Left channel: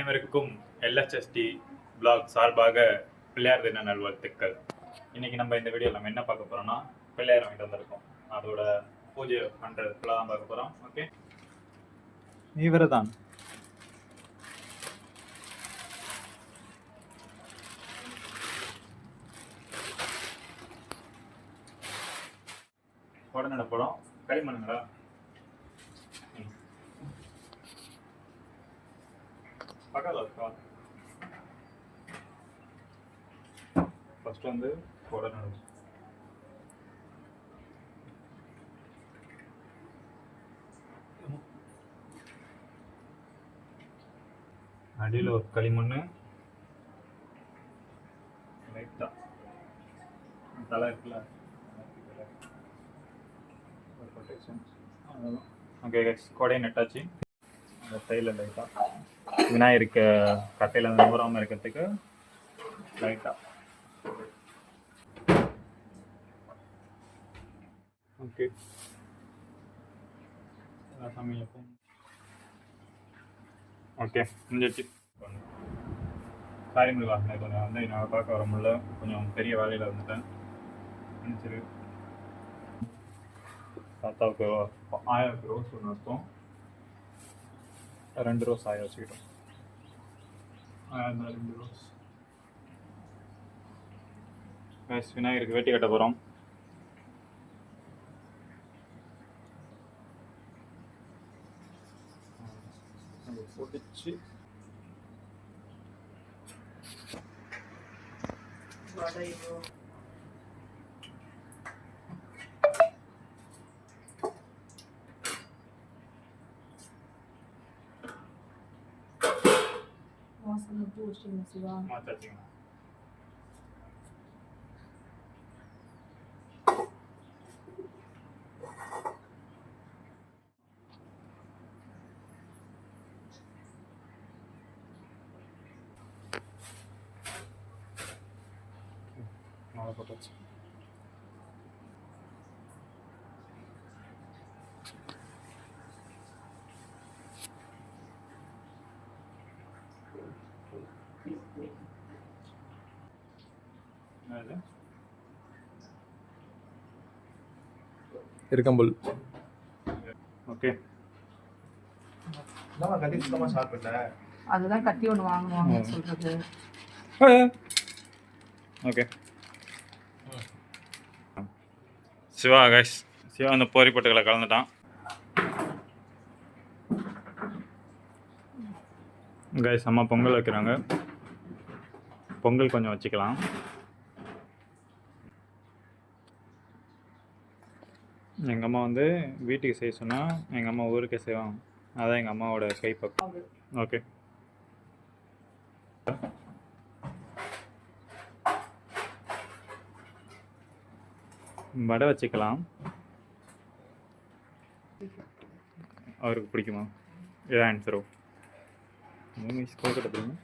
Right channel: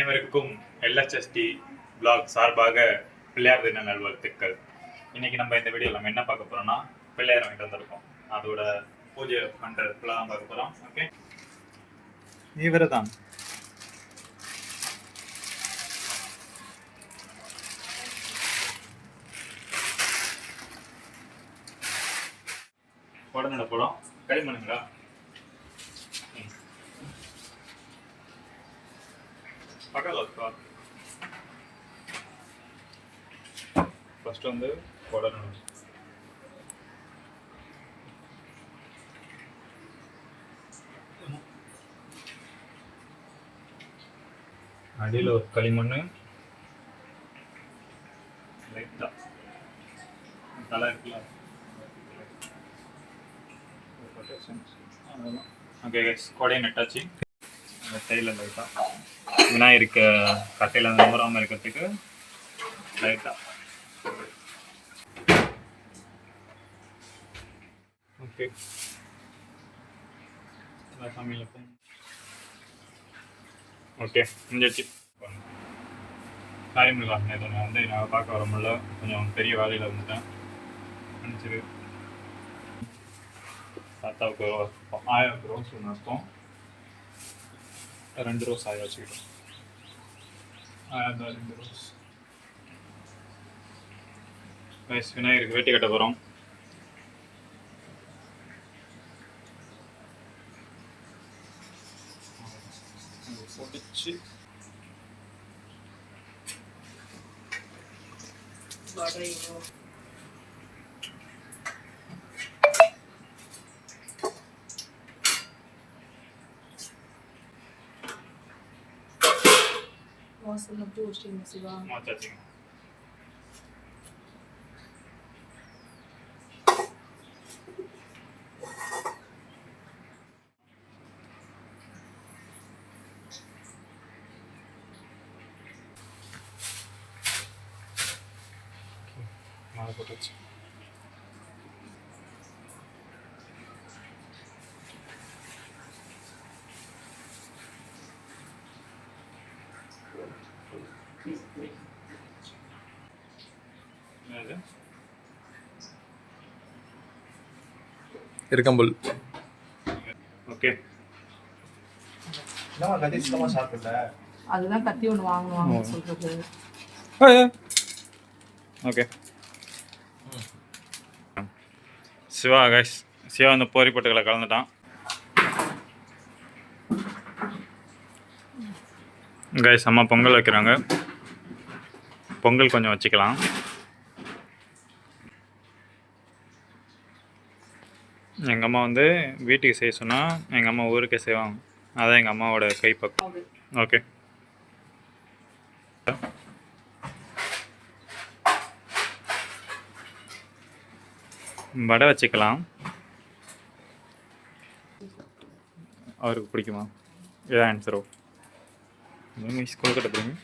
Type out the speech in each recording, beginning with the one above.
அனைவருக்கும் எல்ஹெச்எஸ்டி பிளாக் சார்பாக பிள்ளையார் தின நல்வாழ்த்துக்கள். இன்னைக்கு நம்ம இந்த வீடியோவில் நம்ம என்ன பார்க்க போறோம்னா பிள்ளையார் வாங்கிட்டு வந்திருக்கோம். அதோட பூஜை பண்றதுக்குள்ள தான் பார்க்க போறோம். ஓகே, இவர்தான் உடனே போடும் களிமண்ணுங்களா. பக்கத்தில் ஃபர்ஸ்ட் வந்து உடனே அடியில் ஒரு களிமண் லைட்டாக தலை இருக்குல்ல. ஓகே கைஸ், கொடையை நட்டாச்சு. அந்த தையில் லைட்டாக விநாயகருக்கு கட்டையில் அந்த நூறாமல் இருக்கிறதுக்கு லைட்டாக. ஓகே, சமையல் ஓகே முடிஞ்சிடுச்சு. சாரி முருகா, கொஞ்சம் வந்து நான் பார்க்க வர முடியல, கொஞ்சம் பெரிய வேலையில் வந்துட்டேன். மன்னிச்சிரு. தாத்தாவுக்கு 1000 ரோஸ் ஒன்று வைப்போம், 2 ரோஸ் ஆய வச்சுக்கிட்டோம். 2 ரோஸ். விநாயகருக்கு வேட்டி கட்ட போகிறோம். பொடிச்சு வாசல்ல பூ வச்சிங்க சிவா. மாச்சாச்சுங்க. மாலை போட்டாச்சு. இருக்கம்புல். ஓகே, அதுதான் கத்தி ஒன்று வாங்குவாங்க சொல்றது. ஓகே சிவா கைஸ், சிவா அந்த போரி பொட்டுகளை கலந்துட்டான். கைஸ் அம்மா பொங்கல் வைக்கிறாங்க. பொங்கல் கொஞ்சம் வச்சுக்கலாம். எங்கள் அம்மா வந்து வீட்டுக்கு செய்ய சொன்னால் எங்கள் அம்மா ஊருக்கே செய்வாங்க. அதான் எங்கள் அம்மாவோட கைப்பக்கம். ஓகே, வடை வச்சுக்கலாம். அவருக்கு பிடிக்குமா? இதான் ஆன்சரோ. ஸ்கூல் கிட்ட பிடிங்க.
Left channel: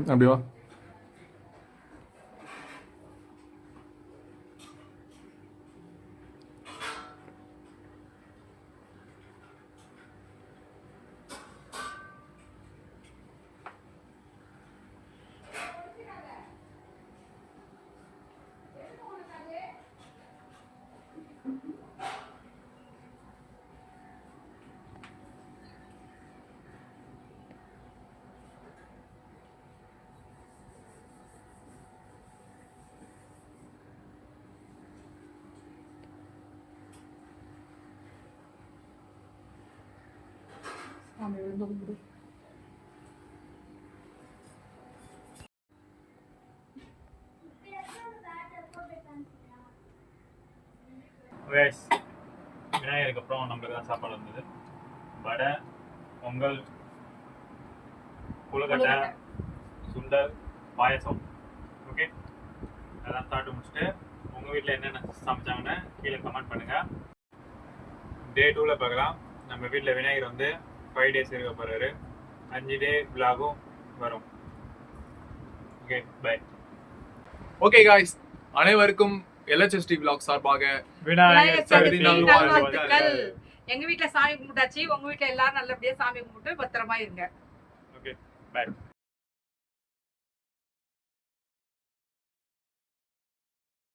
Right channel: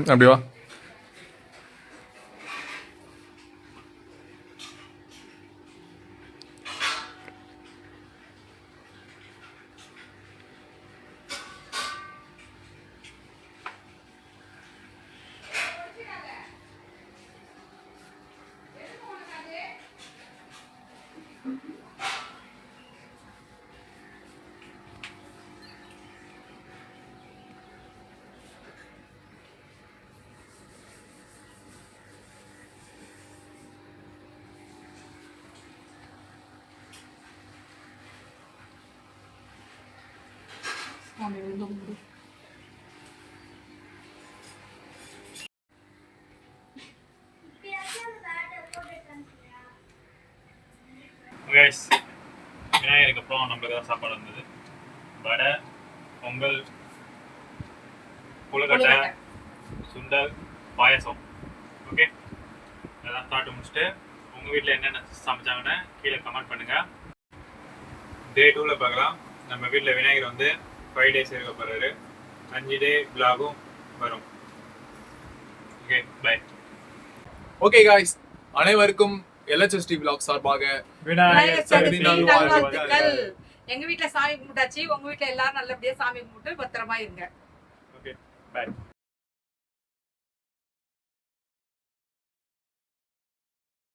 அப்படி வா. சாமி விழுந்து கும்பிடு. கைஸ், விநாயகருக்கு அப்புறம் நம்மளுக்கு தான் சாப்பாடு வந்தது. வடை, பொங்கல், புழுக்கட்டை, சுண்டல், பாயசம். ஓகே, அதெல்லாம் சாப்பிட்டு முடிச்சுட்டு உங்கள் வீட்டில் என்னென்ன சமைச்சாங்கன்னு கீழே கமெண்ட் பண்ணுங்கள். டே 2ல் பார்க்கலாம். நம்ம வீட்டில் விநாயகர் வந்து 5 days இருக்க போகிறாரு. 5 day vlog-ம் வரும். Okay, bye. ஓகே காய்ஸ், அனைவருக்கும் LHST vlog சார்பாக விநாயகர் சதுர்த்தி நல்வாழ்த்துக்கள். எங்க வீட்ல சாமி கும்பிட்டாச்சு, உங்க வீட்ல எல்லாரும் நல்லபடியா சாமி கும்பிட்டு பத்திரமா இருங்க. Okay, by.